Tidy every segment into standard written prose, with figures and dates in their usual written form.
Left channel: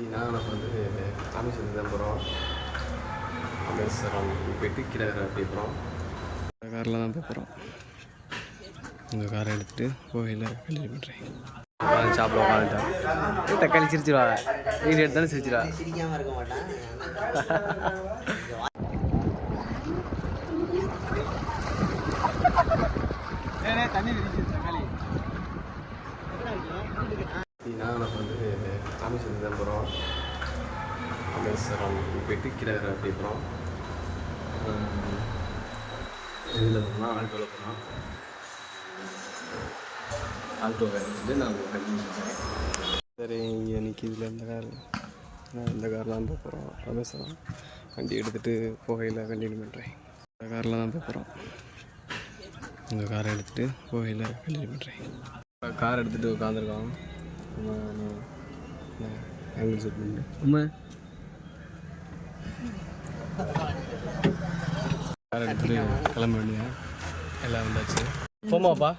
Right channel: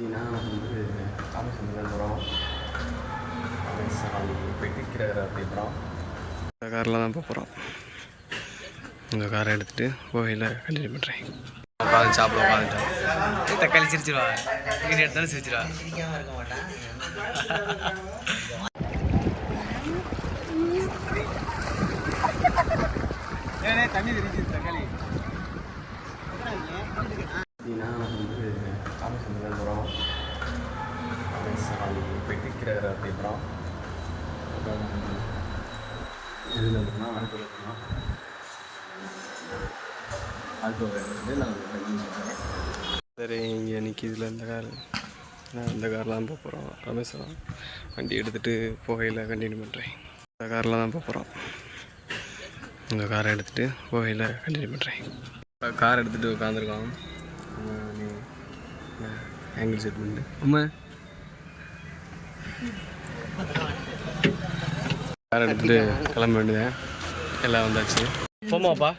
நம்ம வந்து ராமேஸ்வரம் தான் போகிறோம். ராமேஸ்வரம் போயிட்டு கீழே போகிறோம். இந்த காரில் தான் போகிறோம். இந்த காரை எடுத்துகிட்டு கோயிலில் கண்டினியூ பண்ணுறேன். உட்காந்து சாப்பிட உட்காந்துட்டோம். தக்காளி சிரிச்சிருவா, வீடு எடுத்தாலும் சிரிச்சிருவா. சிரிக்காமல் இருக்க மாட்டேன். தண்ணி தக்காளி. நம்ம வந்து ராமேஸ்வரம் தான் போகிறோம். ராமேஸ்வரம் போயிட்டு கீழே போகிறோம். அப்புறம் இதில் போனால் ஆல்டோவில் போனோம். ஆல்டோவை வந்து நான் கண்டினியூ பண்ணுறேன். சரி, இங்கே நிற்கிதில் இந்த கார், நான் இந்த காரில் தான் போகிறோம். ராமேஸ்வரம் வண்டி எடுத்துகிட்டு போகையில் கண்டினியூ பண்ணுறேன். இந்த காரில் தான் போகிறோம். இந்த காரை எடுத்துகிட்டு கோயிலில் கண்டினியூ பண்ணுறேன். இப்போ கார் எடுத்துகிட்டு உட்காந்துருக்கோம். ஆங்கிள் செட் பண்ணிட்டு கார் எடுத்துகிட்டு கிளம்ப வேண்டியதேன். எல்லாம் வந்தாச்சு. போமாப்பா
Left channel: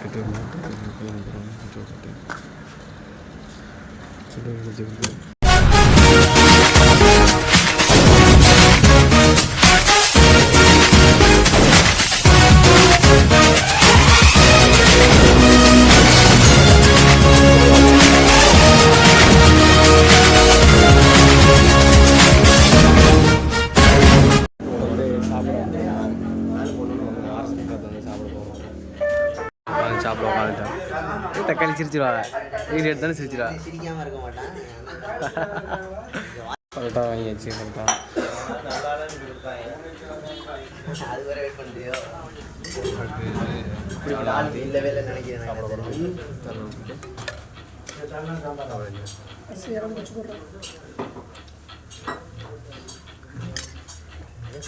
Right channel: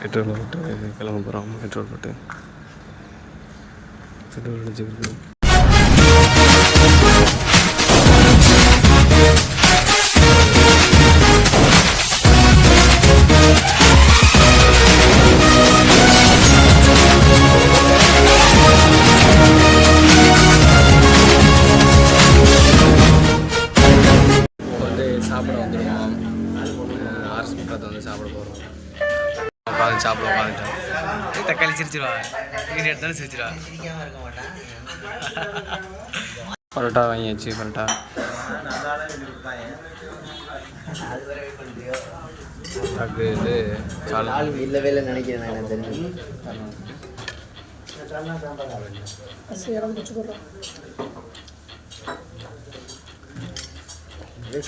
பெட்ரோல் போட்டு கிளம்ப போகிறோம். பெட்ரோல் போட்டு பெட்ரோல் அடிச்சுக்கிட்டு சாப்பிட வந்துடுவோம். ஆர்எஸ் பக்கத்தில் வந்து சாப்பிட போகிறோம். உட்காந்து சாப்பிட உட்காந்துட்டோம். தக்காளி சிரிச்சிருவா, வீடு எடுத்தாலும் சிரிச்சிருவா. சிரிக்காமல் இருக்க மாட்டேன். பரோட்டா வாங்கியாச்சு. பரோட்டா இது இல்லவே இல்லை நினைக்கிறேன்.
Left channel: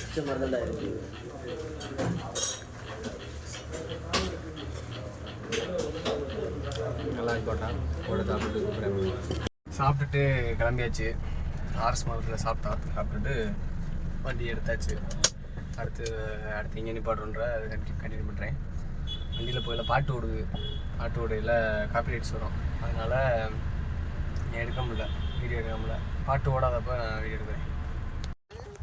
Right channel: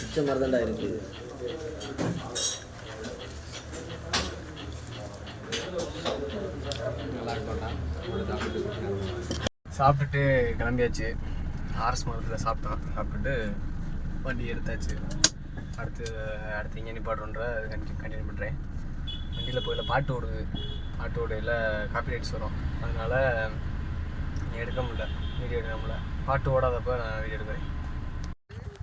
சுத்தமாக இருக்குது. நல்லா போட்டேன். சாப்பிட்டுட்டு கிளம்பியாச்சு. ஆர்எஸ் மரத்தில் சாப்பிட்டுட்டு வண்டி எடுத்தாச்சு. அடுத்து எங்கே நிப்பாடுன்ற அது கண்டினியூ பண்ணுறேன். வண்டியில் போயில் பாட்டு ஓடையில் காப்பி ரைட்ஸ் வரும். அதனால் எடுக்க முடியல, வீடியோ எடுக்க முடியல. பாட்டு ஓடாதப்போ நான் வீடியோ எடுக்கிறேன்.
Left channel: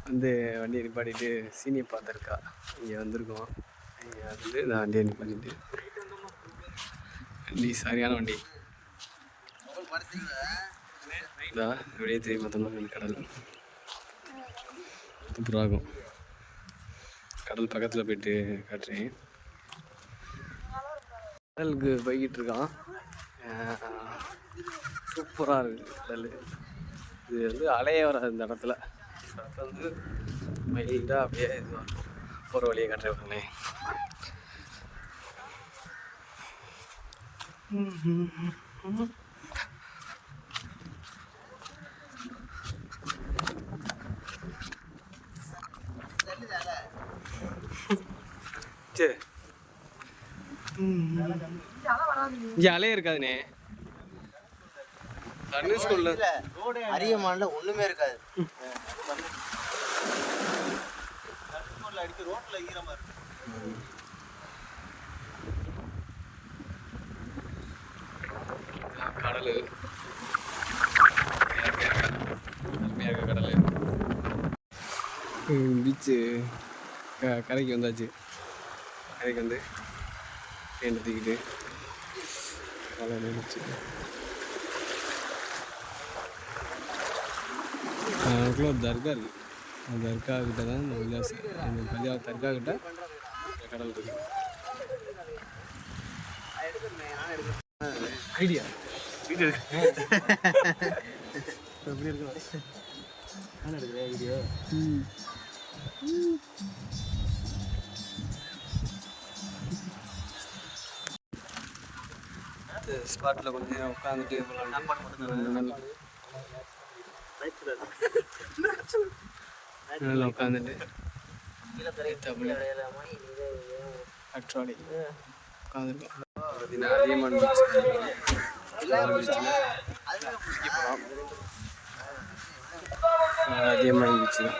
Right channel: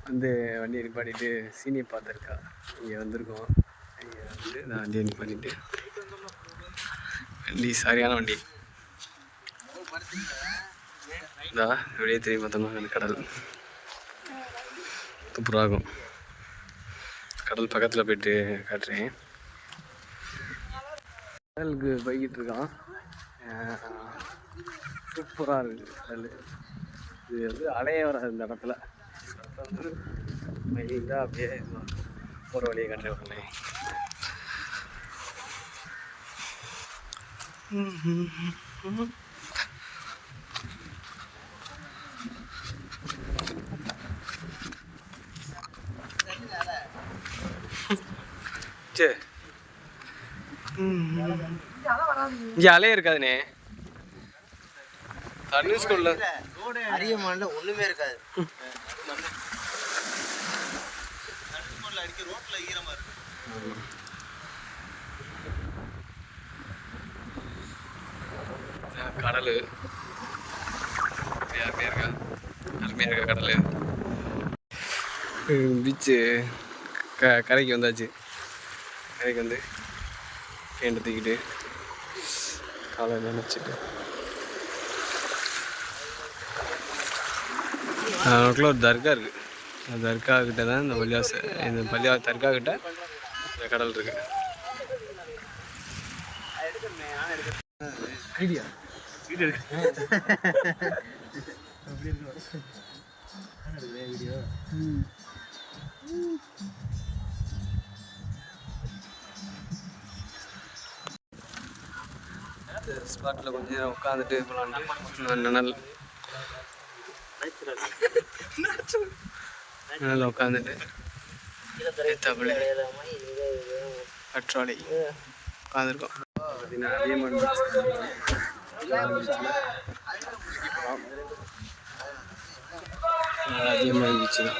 வந்து வண்டியை நிப்பாட்டிட்டு சீனியை பார்த்துருக்கா. இங்கே வந்திருக்கோம். இங்கே வந்து நான் வண்டியை நிப்பாட்டிட்டு, வண்டி சரியான வண்டி தான். வெளியே தெரியும் பார்த்தோம்னா அந்த கடல் சூப்பராகும். கடல் பக்கத்தில் போய்ட்டு காட்டுறேன். கடலுக்கு போய்கிட்டு இருக்கான். சூப்பராக இருக்குது கடல். இது வந்து அலையே வராது இந்த இடத்துல. வந்து மைல்டாக அப்படியே போகிற வழியை காட்டுறேன். சரி, இங்கே அலையே இருக்காதுண்ணே. தண்ணி ஸ்கூல்ல அரியமான்ல ஒண்ணுமே இருக்காது. கடல் அருமையாக இருக்க கடல். பீச்சு கரைக்கு வந்தாச்சு. கரைக்கு வந்து பேண்ட் தூக்கிட்டு காலையில் நினச்சிட்டு நமக்குள்ள ஒரு தர்கா இருக்குது. அந்த தர்கா கிட்ட தான் இந்த தர்கா கிட்ட இந்த கடல் இருக்குது. ஐடியா வீடியோ வீடியோ ஸ்பாட்டில் கொஞ்சம் நேரம் உட்காந்துட்டு நிழல் உட்காந்துட்டு ஏத்தாப்புல கற்றாழை உட்காந்துருக்கோம். பார்த்தீங்கன்னா அதியமான் பீச். பீச்சில் போகலாம். அதியமான் பீச்சு தான்.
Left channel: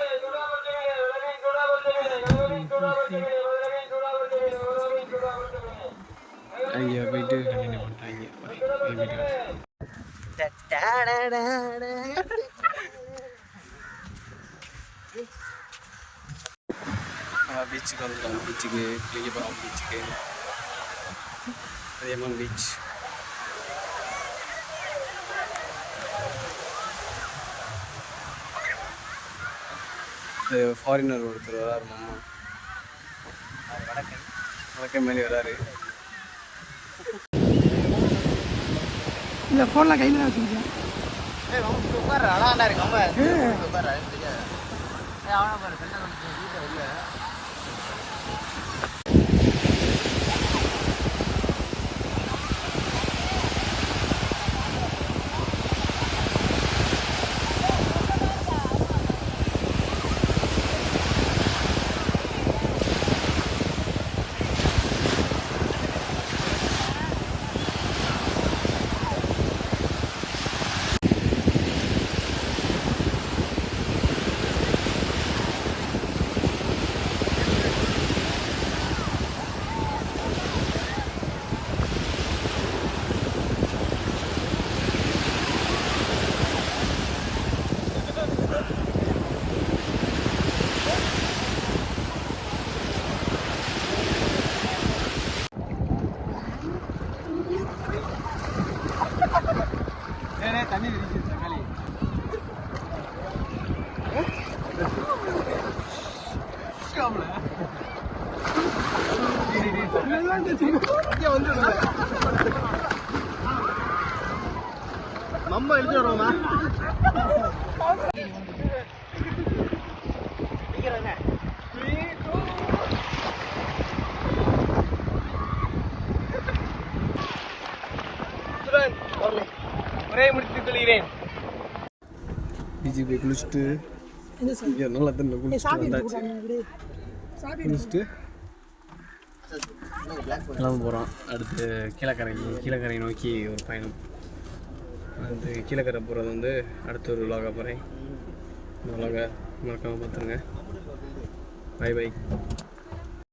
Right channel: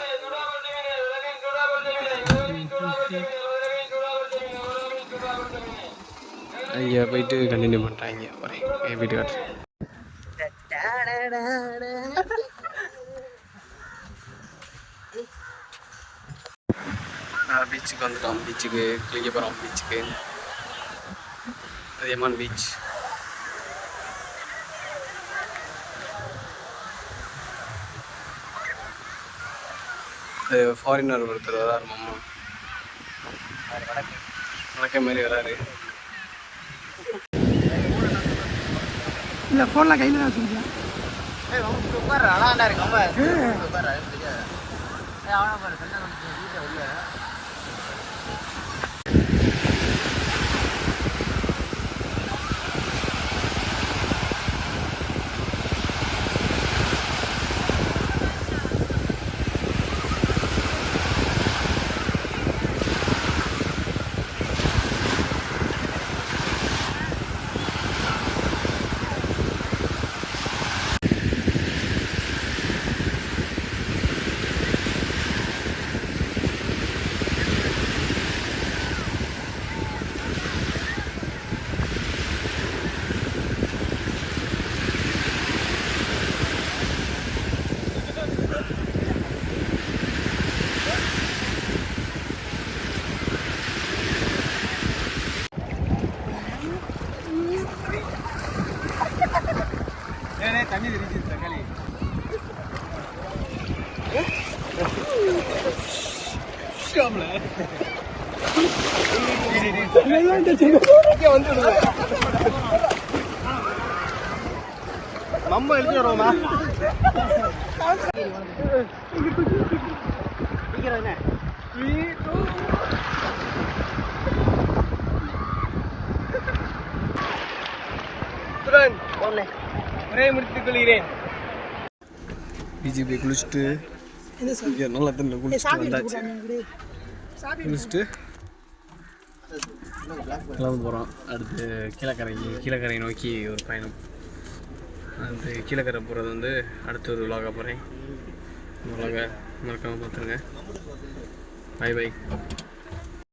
அங்கே போயிட்டு கண்டினியூ பண்ணுறாங்க. என் வீட்டுக்கார் பீச்சுக்கு வந்துட்டோம். பீச்சுக்கு குளிக்க போகிறோம். பீச்சுக்கு அதியமான் பீச். ஃபாரினர் ஒருத்தர் வராரு. மாமா வணக்கம் மாரி வராரு. இல்லை ஃபோன்லாம் கையில் தான் வச்சுருக்கேன். தண்ணி இருக்கு தக்காளி. நம்ம எடுத்து வரோம்னா ஒரே முடித்துக் கொள்கிறேன். பீச்சுக்கு போய் குளிச்சுட்டு நல்லா தண்ணி குளிச்சுட்டு வந்தாச்சு. குளிச்சுட்டு கிளம்ப போகிறோம். அடுத்து கீழக்கரை நோக்கி ஒரு பயணம். அந்த கீழக்கரை போகிறது வந்து அடுத்த ஒரு விலாக போகிறேன். இந்த விலாக மறக்காமல் பார்த்துருங்க. Bye by.